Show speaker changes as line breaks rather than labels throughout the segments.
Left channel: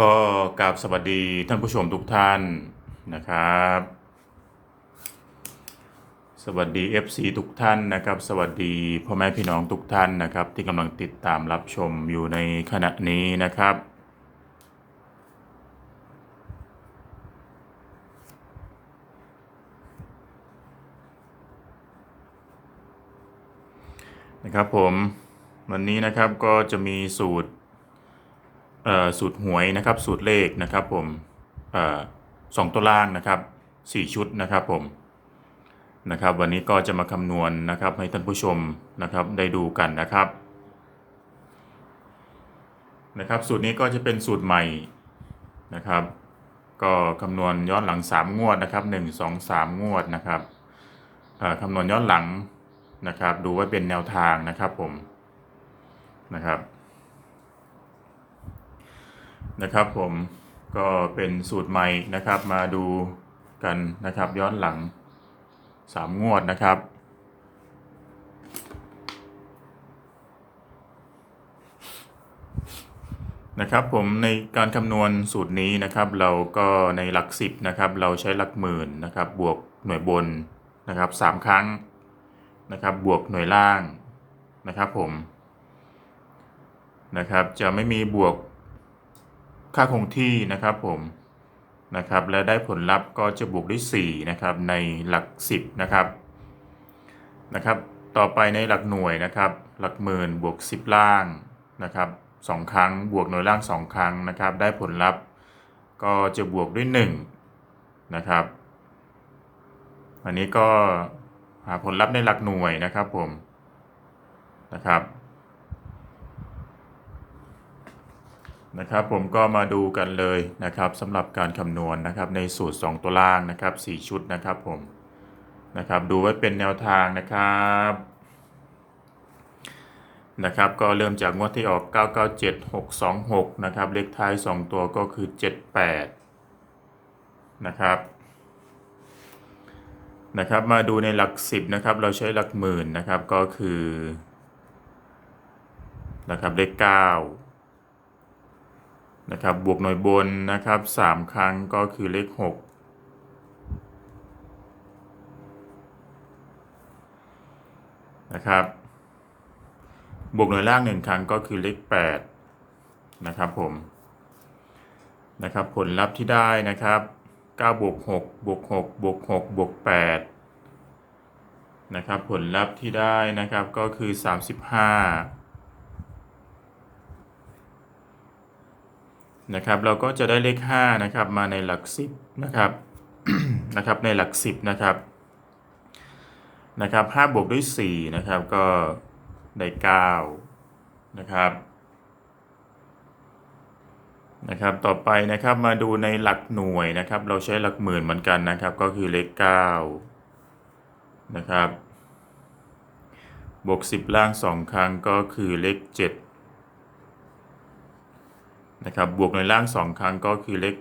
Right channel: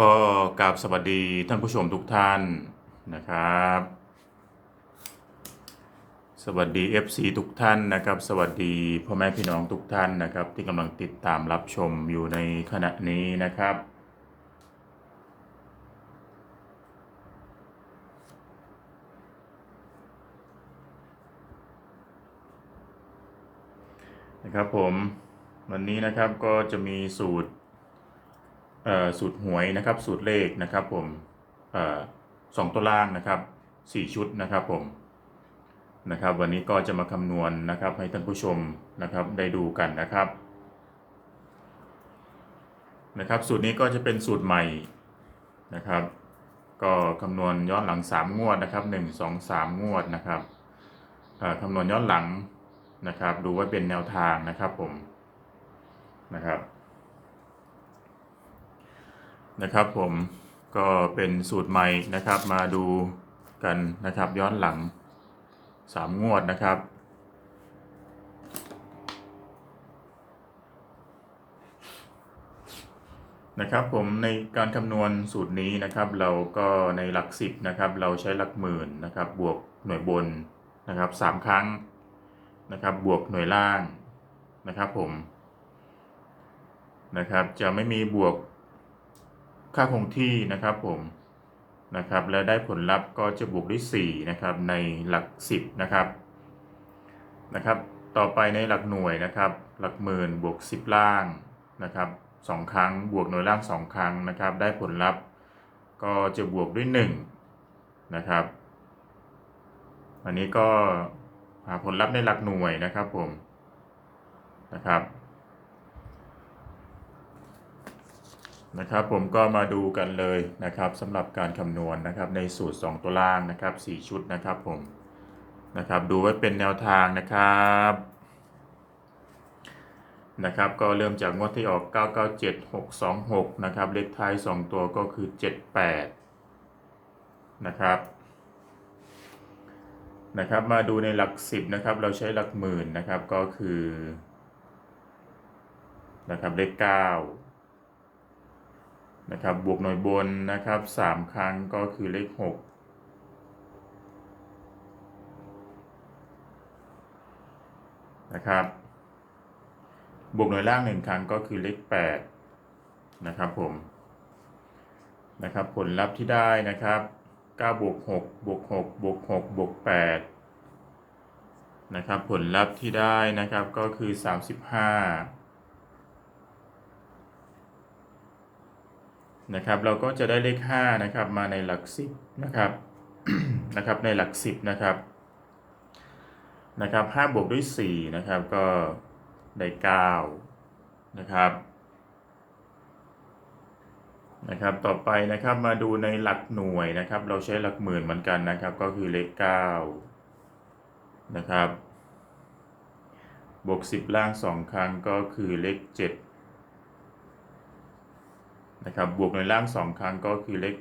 ก็กราบสวัสดีท่านผู้ชมทุกท่านนะครับ สวัสดี FC ทุกท่านนะครับ สวัสดีพ่อแม่พี่น้องทุกท่านนะครับ ที่กำลังติดตามรับชมอยู่ในขณะนี้นะครับ นะครับผมวันนี้นะครับก็จะมีสูตร สูตรหวยนะครับสูตรเลขนะครับผมออสองตัวล่างนะครับสี่ชุดนะครับผมนะครับ วันนี้ก็จะมาคำนวณนะครับให้ท่านผู้ชมนะครับได้ดูกันนะครับนะครับสูตรนี้ก็จะเป็นสูตรใหม่นะครับ ก็คำนวณย้อนหลัง 3 งวดนะครับ 1 2 3 งวดนะครับคำนวณย้อนหลังนะครับ ดูไว้เป็นแนวทางนะครับผมนะครับ นะครับผมก็เป็นสูตรใหม่นะครับมาดูกันนะครับย้อนหลัง3งวดนะครับนะครับผมในการคำนวณสูตรนี้นะครับเราก็ในหลักสิบนะครับเราใช้หลักหมื่นนะครับบวกหน่วยบนนะครับสามครั้งนะครับบวกหน่วยล่างนะครับผมนะครับจะไม่มีบวก ค่าคงที่นะครับผมนะครับและได้ผลลัพธ์ก็จะบวกด้วย4นะครับในหลัก 10นะครับนะครับต่อไปในหลักหน่วยนะครับหลักหมื่นบวก 10 ล่างนะครับสองครั้งบวกหน่วยล่าง 2 ครั้งนะครับได้ผลลัพธ์ก็จะบวกด้วย1นะครับอันนี้ก็หาผลลัพธ์ในหลักหน่วยนะครับผมนะครับ นะครับผมก็มาดูกันเลยนะครับสำหรับการคำนวณนะครับในสูตร 2 ตัวล่างนะครับ 4 ชุดนะครับผมนะครับดูไว้เป็นแนวทางนะครับนะครับก็เริ่มจากงวดที่ออก 997 626 นะครับเลขท้าย 2 ตัวก็คือ 78 นะครับนะครับมาดูในหลักสิบนะครับ เราใช้หลักหมื่นนะครับก็คือนะครับเลขเก้า นะครับบวกหน่วยบนนะครับสามครั้งก็คือเลขหกนะครับ บวกหน่วยล่างหนึ่งครั้งก็คือเลขแปดนะครับผมนะครับ ผลลัพธ์ที่ได้นะครับ9บวก6บวก6บวก6บวก8นะครับ ผลลัพธ์ที่ได้นะครับก็คือ 35 นะครับเราก็จะได้เลข5นะครับมาในหลัก10นะครับนะครับในหลัก 10นะครับนะครับ5บวกด้วย4นะครับก็ได้9นะครับนะครับต่อไปนะครับมาดูในหลักหน่วยนะครับ เราใช้หลักหมื่นเหมือนกันนะครับ ก็คือเลข9นะครับบวก 10 ล่าง 2 ครั้งก็คือเลข 7 นะครับบวกในล่าง 2 ครั้งก็คือเลข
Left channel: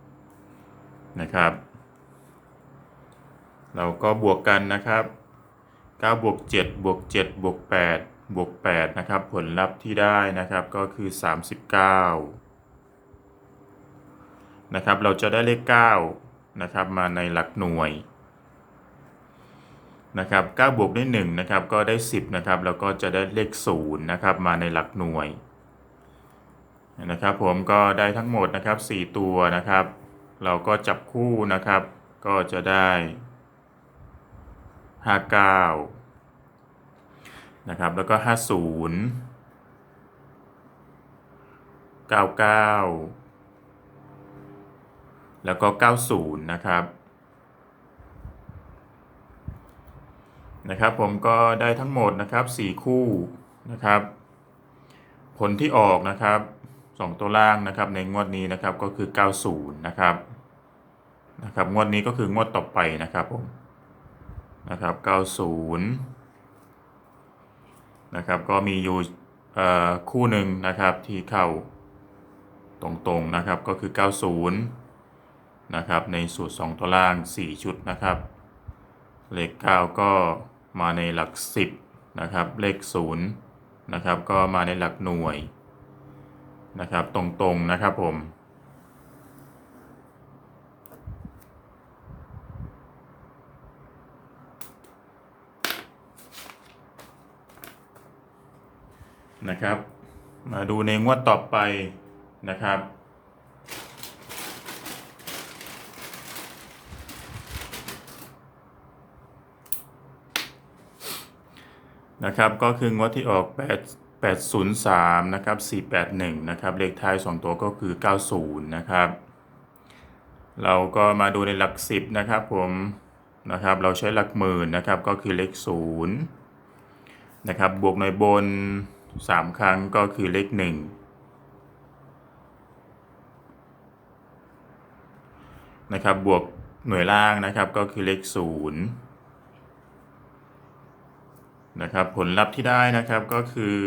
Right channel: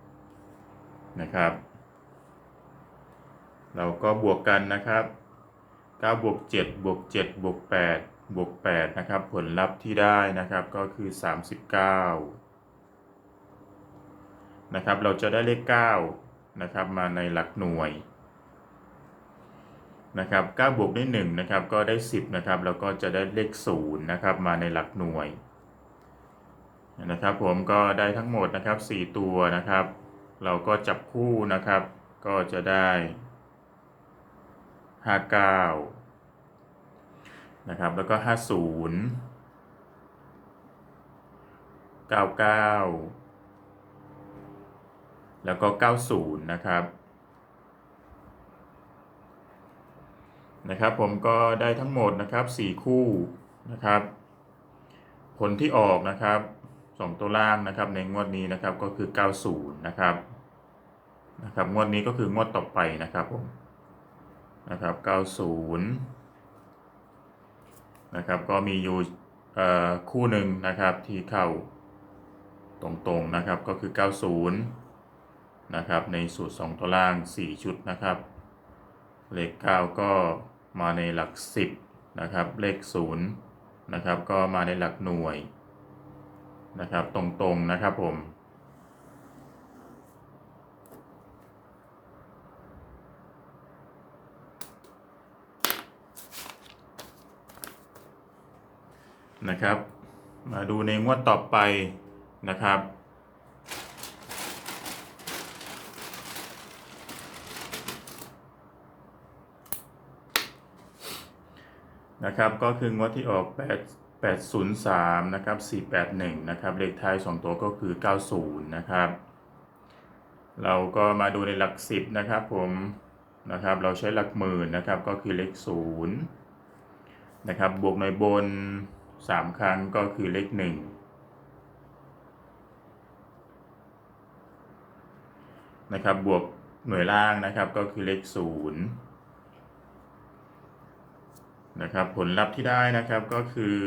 8นะครับเราก็บวกกันนะครับ9บวก7บวก7บวก8บวก8นะครับผลลัพธ์ที่ได้นะครับก็คือ 39นะครับเราจะได้เลข9นะครับมาในหลักหน่วยนะครับ9บวกด้วย1นะครับก็ได้ 10นะครับแล้วก็จะได้เลข0นะครับมาในหลักหน่วย นะครับผมก็ได้ทั้งหมดนะครับ 4 ตัวนะครับ เราก็จับคู่นะครับ ก็จะได้ 59 นะครับ แล้วก็ 50 99 แล้วก็ 90 นะครับ นะครับผมก็ได้ทั้งหมดนะครับ 4 คู่นะครับ ผลที่ออกนะครับ 2 ตัวล่างนะครับในงวดนี้นะครับก็คือ 90 นะครับนะครับงวดนี้ก็คืองวดต่อไปนะครับผมนะครับ 90 นะครับก็มีอยู่คู่หนึ่งนะครับที่เข้าตรงๆนะครับก็คือ 90 นะครับในสูตร 2 ตัวล่าง 4 ชุดนะครับ เลข 9 ก็มาในหลัก 10 นะครับเลข 0 นะครับก็มาในหลักหน่วย นะครับตรงๆนะครับผม นะครับ มาดูในงวดต่อไปนะครับนะครับก็คืองวดที่ออก8 803นะครับ481นะครับเลขท้าย 2 ตัวก็คือ 90นะครับเราก็มาดูในหลัก 10นะครับผมนะครับเราใช้หลักหมื่นนะครับก็คือเลข0นะครับบวกหน่วยบน 3 ครั้งก็คือเลข 1 นะครับบวกหน่วยล่างนะครับก็คือเลข0 นะครับผลลัพธ์ที่ได้นะครับก็คือ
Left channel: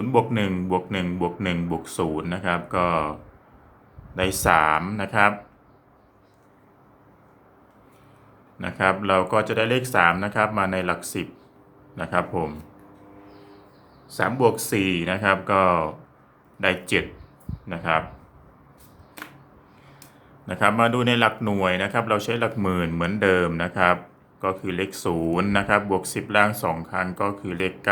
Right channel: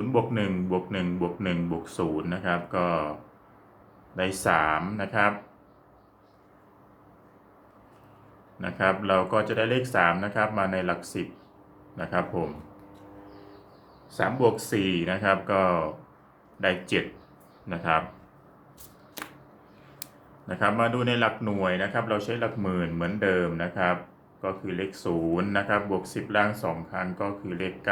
0บวก1บวก1บวก1บวก0นะครับก็ได้3นะครับนะครับ เราก็จะได้เลข3นะครับมาในหลัก 10นะครับผม3บวก4นะครับก็ได้7นะครับนะครับ มาดูในหลักหน่วยนะครับ เราใช้หลักหมื่นเหมือนเดิมนะครับ ก็คือเลข0นะครับบวก 10 ล่าง 2 ครั้งก็คือเลข9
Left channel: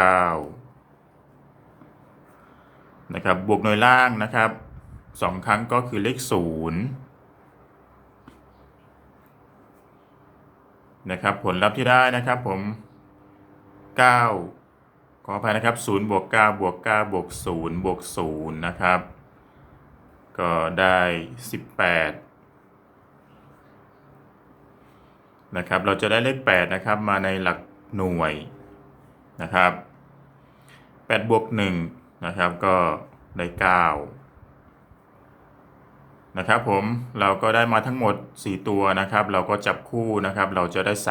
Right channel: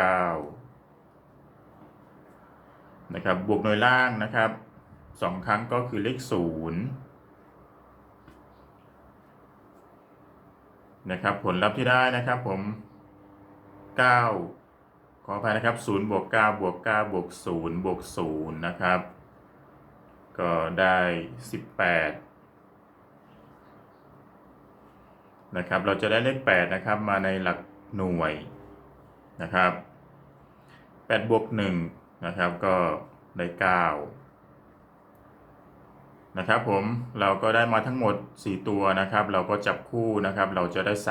นะครับบวกหน่วยล่างนะครับ 2 ครั้งก็คือเลข0นะครับผลลัพธ์ที่ได้นะครับผม 9 ขออภัยนะครับ0บวก9บวก9บวก0บวก0นะครับ ก็ได้ 18 นะครับ เราจะได้เลข8นะครับมาในหลักหน่วยนะครับ8บวก1นะครับก็ได้9นะครับผมเราก็ได้มาทั้งหมด 4 ตัวนะครับ เราก็จับคู่นะครับ เราจะได้ 38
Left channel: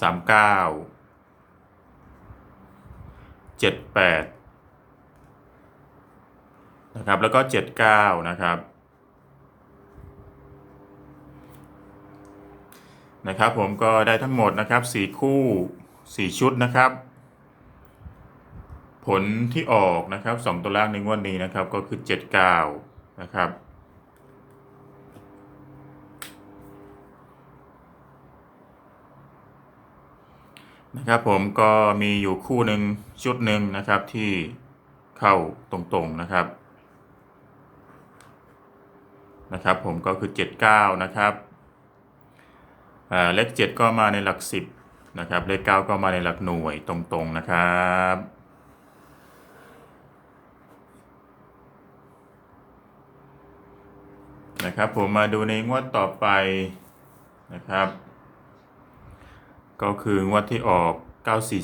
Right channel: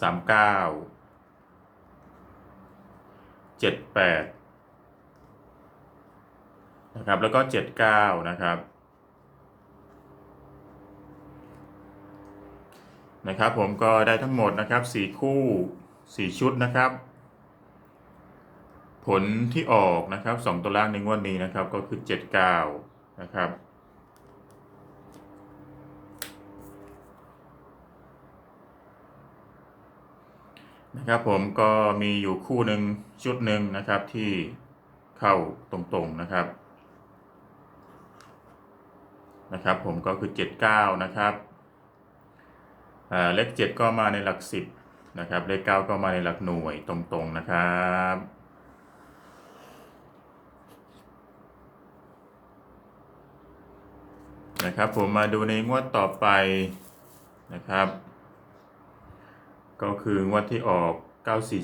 39 78นะครับแล้วก็ 79นะครับ นะครับผมก็ได้ทั้งหมดนะครับสี่คู่สี่ชุดนะครับ ผลที่ออกนะครับสองตัวล่างในงวดนี้นะครับก็คือเจ็ดเก้านะครับนะครับผมก็มีอยู่คู่หนึ่งชุดหนึ่งนะครับที่เข้าตรงๆนะครับนะครับ ผมก็คือเจ็ดเก้านะครับ เลขเจ็ดก็มาในหลักสิบนะครับ เลขเก้าก็มาในหลักหน่วยตรงๆนะครับนะครับผมมาดูในงวดต่อไปนะครับ ก็คืองวดที่ออก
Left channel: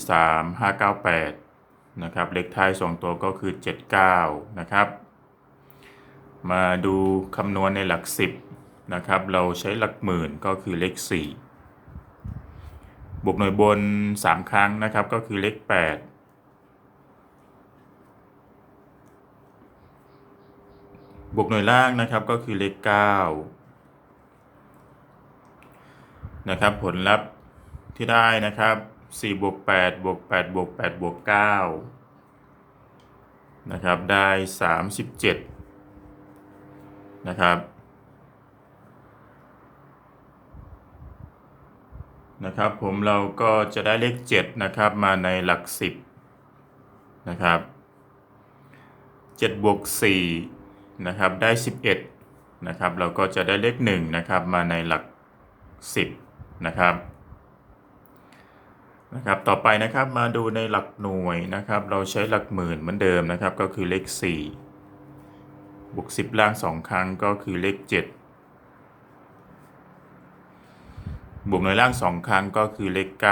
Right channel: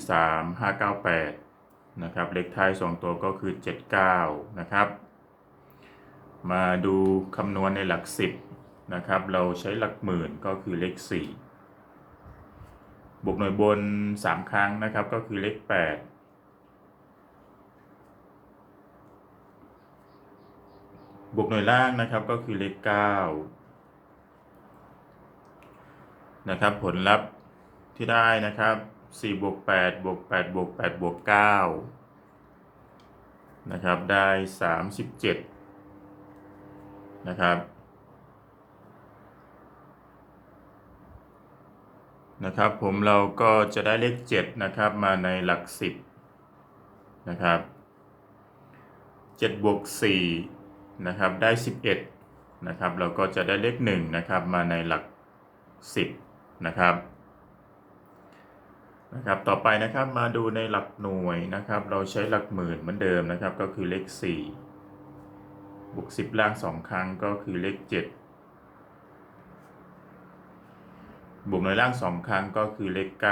943 598 นะครับเลขท้าย 2 ตัวก็คือ 79 นะครับ มาดูคำนวณในหลัก 10 นะครับ เราใช้หลักหมื่นก็คือเลข 4 บวกหน่วยบน 3 ครั้งนะครับ ก็คือเลข 8 บวกหน่วยล่างนะครับก็คือเลข 9 นะครับ ผลลัพธ์ที่ได้นะครับ4บวก8บวก8บวก8บวก9นะครับ ได้ 37 นะครับ นะครับ ผมเราก็จะได้เลข 7 นะครับ มาในหลัก 10 นะครับ7บวก4นะครับ ได้ 11 นะครับ เราก็จะได้เลข 1 นะครับ มาในหลัก 10 นะครับนะครับ ต่อไปนะครับมาดูในหลักหน่วยนะครับ เราใช้หลักหมื่นเหมือนเดิมนะครับ ก็คือเลข 4 บวก 10 ล่าง 2 ครั้งก็คือเลข 7 บวกหน่วยล่าง2ครั้งก็คือเลข9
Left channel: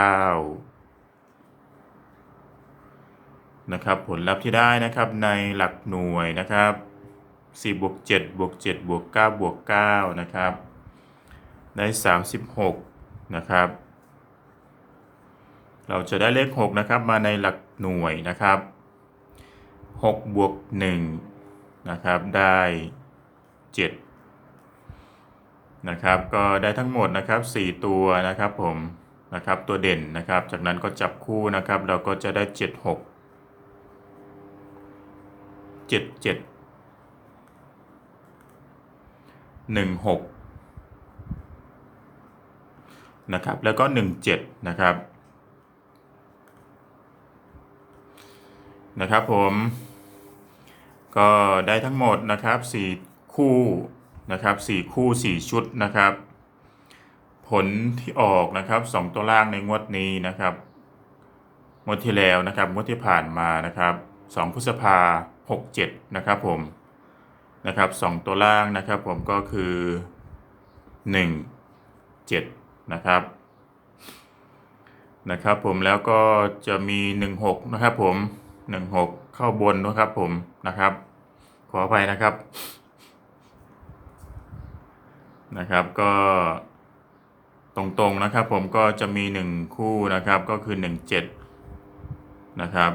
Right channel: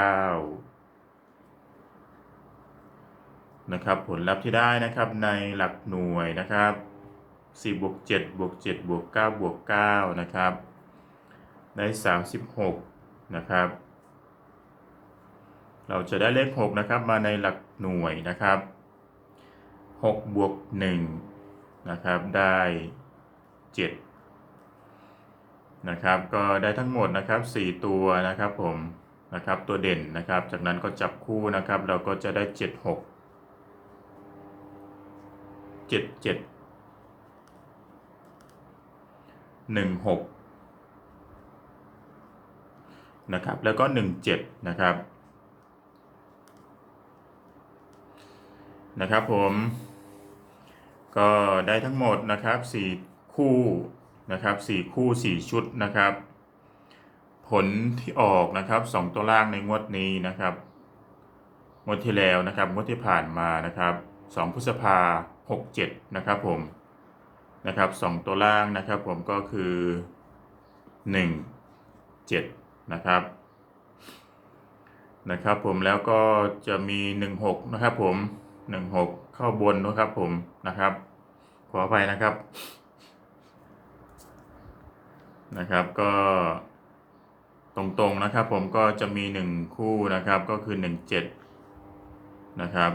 นะครับ ผลลัพธ์ที่ได้นะครับในหลักหน่วยนะครับ4บวก7บวก7บวก9บวก9นะครับได้36นะครับ เราจะได้เลข6นะครับมาในหลักหน่วยนะครับ6บวก1นะครับได้7 นะครับ ก็ได้ทั้งหมดนะครับ 4 ตัวนะครับผมนะครับตัวเด่นนะครับ จากนั้นก็จับคู่นะครับ เราก็จะได้เจ็ดหกเจ็ดเจ็ดหนึ่งหกนะครับแล้วก็หนึ่งเจ็ดนะครับนะครับผมก็ได้ทั้งหมดนะครับสี่คู่ นะครับสี่คู่สี่ชุดนะครับ ผลที่ออกนะครับสองตัวล่างในงวดนี้นะครับงวดที่แล้วนะครับงวดที่ผ่านมานะครับสองพฤษภาหกเจ็ดนะครับผมนะครับสองตัวล่างนะครับผมก็คือหนึ่งเจ็ดนะครับนะครับผมแล้วก็จะมีหนึ่งหกนะครับผมหนึ่งหกเข้าบนนะครับผมนะครับ ขออภัยนะครับ นะครับก็ตรงๆนะครับผมก็จะมี 1 คู่นะครับก็คือ 17 นะครับ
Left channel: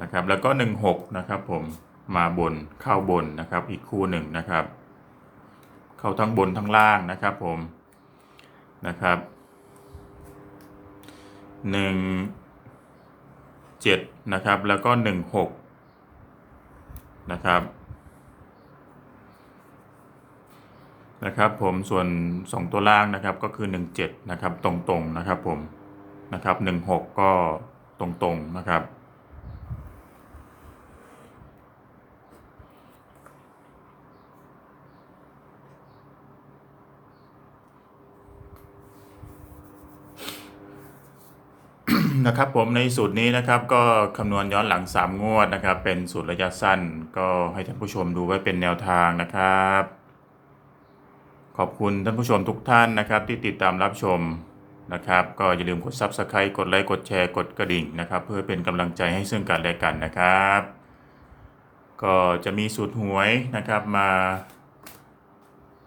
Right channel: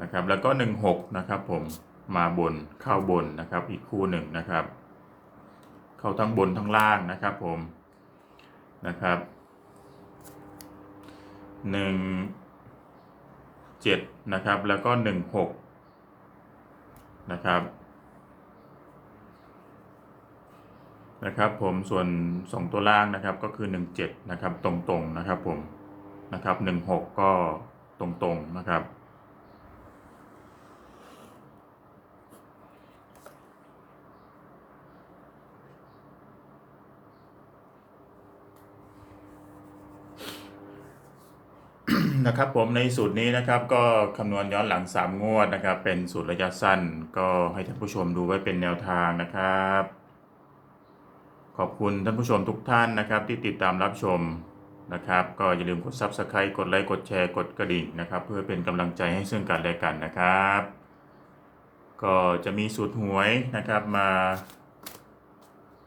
นะครับแล้วก็ 16 นะครับผมมาบนเข้าบนนะครับอีกคู่หนึ่งนะครับ เข้าทั้งบนทั้งล่างนะครับผมนะครับ1 7นะครับแล้วก็16นะครับ นะครับผมส่วน 2 ตัวล่างนะครับก็คือ 17นะครับตรงๆนะครับผมนะครับ16 ก็ตรงๆนะครับนะครับผมในสูตรนี้นะครับก็คำนวณย้อนหลัง 3 งวดนะครับ เป็นสูตรระยะสั้น ก็ให้ท่านผู้ชมดูไว้เป็นแนวทางนะครับ ขอบคุณท่านผู้ชมทุกท่านนะครับ ที่ติดตามรับชมนะครับ ก็อย่าลืมกด Subscribe กดไลค์กดแชร์กดกระดิ่งนะครับ เพื่อเป็นกำลังใจให้ซึ่งกันและกันนะครับ ก็จะมีสูตรหวยนะครับมา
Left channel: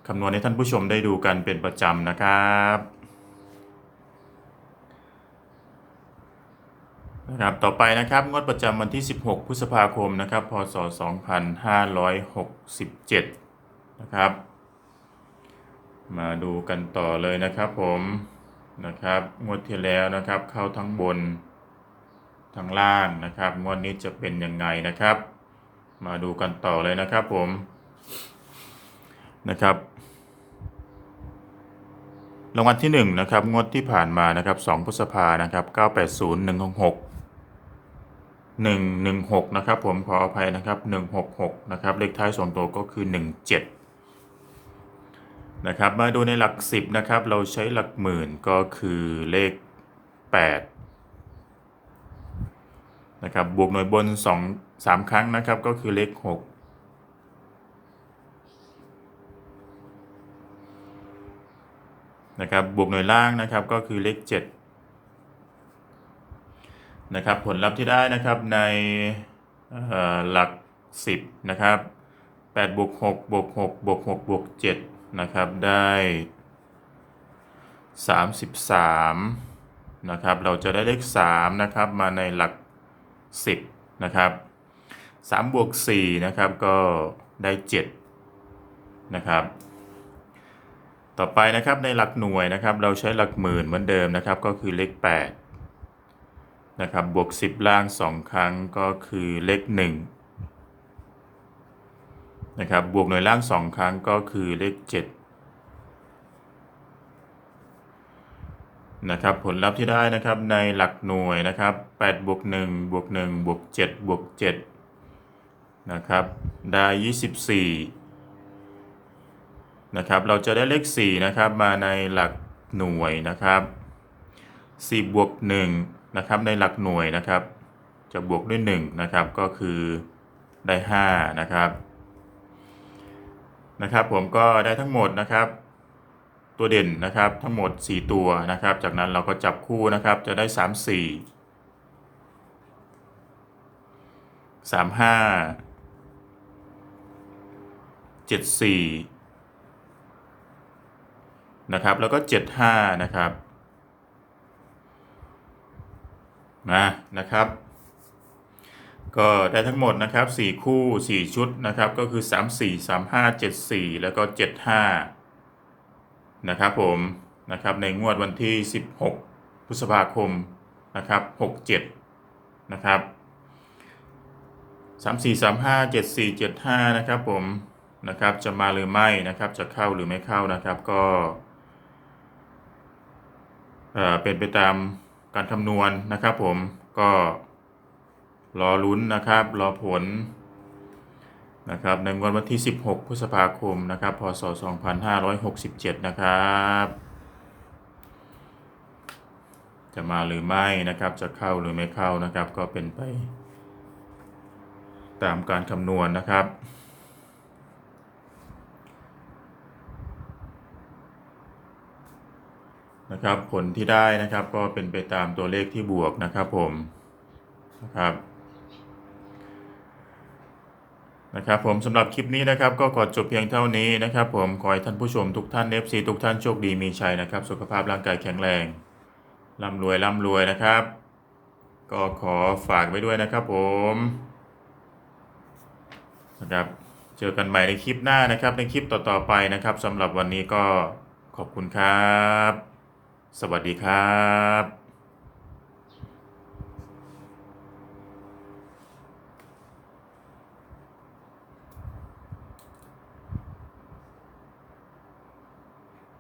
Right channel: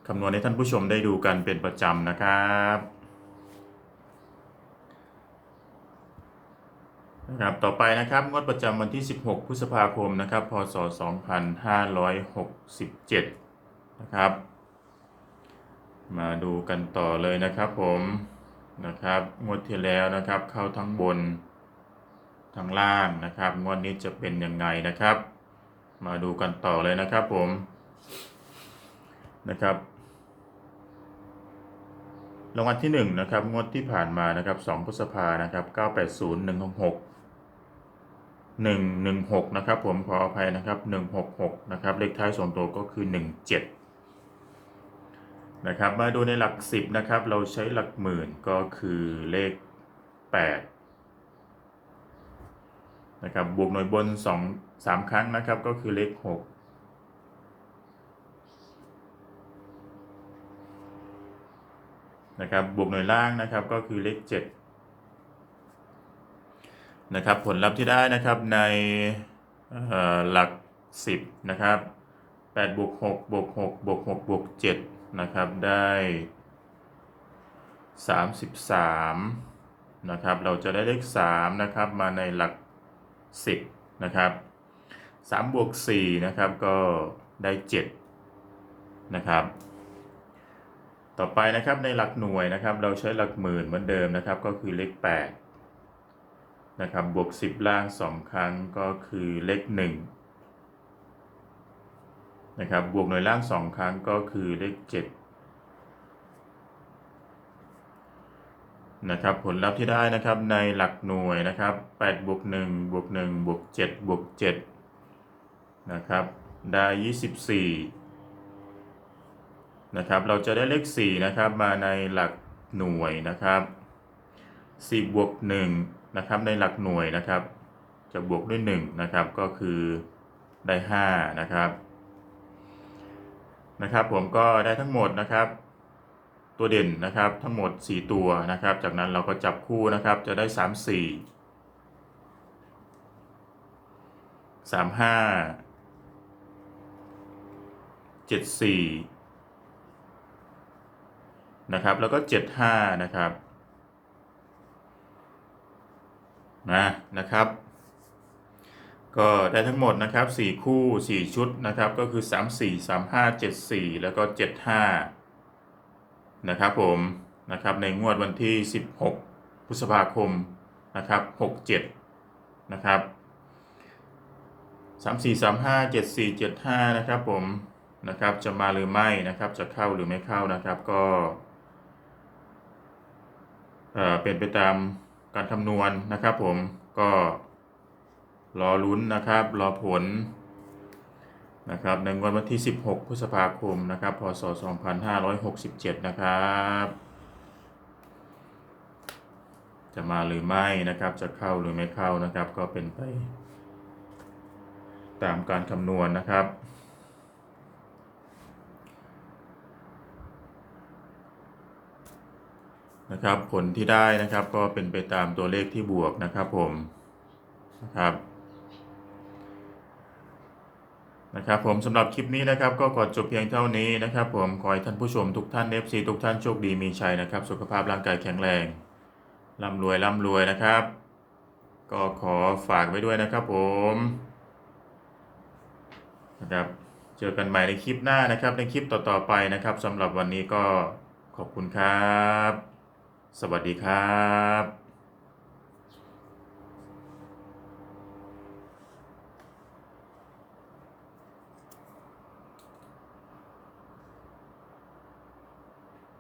คำนวณให้ท่านผู้ชมได้ดูกันเป็นประจำนะครับนะครับต่อไปนะครับงวดประจำวันที่ 16 พฤษภาคมนะครับ พศ 2567 นะครับ มาดูกันต่อเลยนะครับผมนะครับงวดที่แล้วนะครับ เข้าทั้งบนทั้งล่างนะครับงวดนี้จะเป็นยังไงนะครับ มาดูกันต่อเลยนะครับผมนะครับรางวัลที่1นะครับงวดที่ผ่านมานะครับ2พฤษภานะครับ980 166 116นะครับผมขออภัยนะครับ166นะครับเลขท้าย2ตัวก็คือ 17 นะครับมาดูในหลัก 10นะครับเราใช้หลักหมื่นก็คือเลข8นะครับบวกหน่วยบน 2 3 ครั้งนะครับก็คือเลข 6 นะครับบวกหน่วยล่างนะครับก็คือเลข 7 นะครับผลลัพธ์ที่ได้นะครับในหลัก 10 นะครับ8บวก6บวก6บวก6บวก7 นะครับได้ 33นะครับเราจะได้เลข3นะครับมาในหลัก 10นะครับ3บวก4นะครับก็ได้7นะครับต่อไปนะครับในหลักหน่วยนะครับเราใช้หลักหมื่นเหมือนเดิมนะครับก็คือเลข8นะครับบวก 10 ล่าง 2 ครั้งก็คือเลข 1 นะครับ บวกหน่วยล่าง2ครั้งก็คือเลข7นะครับ ผลลัพธ์ที่ได้นะครับในหลักหน่วยนะครับ8บวก1บวก1บวก7บวก7นะครับได้24นะครับ เราจะได้เลข4นะครับมาในหลักหน่วยนะครับ4บวก1นะครับในหลักหน่วยนะครับ จะบวกด้วย1นะครับก็คือได้5นะครับ นะครับ ผมก็ได้ทั้งหมดนะครับ ตัวเด่นนะครับทั้งหมด 4 ตัวนะครับ จากนั้นเราก็จับคู่นะครับจะได้ 3 4 3 5 7 4 นะครับ แล้วก็ 7 5 นะครับนะนะครับ ก็ได้ทั้งหมดนะครับ 4 คู่ 4 ชุดนะครับ ก็คือ 3 4 3 5 7 4 แล้วก็ 7 5 นะครับผมนะครับในงวดวันที่ 16 พฤษภาคมนะครับ 67 นะครับ 34 35 74 75 นะครับผมนะครับจะมาหรือไม่นะครับจะเข้าหรือไม่เข้านะครับก็เอ่อเป็นไปตามการคำนวณนะครับผมก็ รอลุ้นนะครับ รอผลนะครับในงวดวันที่ 16 พฤษภาคมนะครับ พศ 2567 นะครับ จะมาหรือไม่นะครับ จะเข้าหรือไม่เข้านะครับ ก็เป็นไป ตามการคำนวณนะครับนะครับผลที่ได้นะครับก็เป็นไปตามตัวเลขที่บวกนะครับผมนะครับ นะครับผมสำหรับคลิปนี้นะครับก็ขอจบเพียงเท่านี้นะครับผมขอให้ท่านผู้ชมทุกท่าน FC ทุกท่านโชคดีมีชัยนะครับ สุขภาพร่างกายแข็งแรงร่ำรวยร่ำรวยนะครับ ก็ขอฝากไว้ด้วยนะครับผมนะครับเจอกันใหม่ในคลิปหน้านะครับ ในคลิปต่อๆไปนะครับสำหรับวันนี้ก็ขอบคุณครับ สวัสดีครับ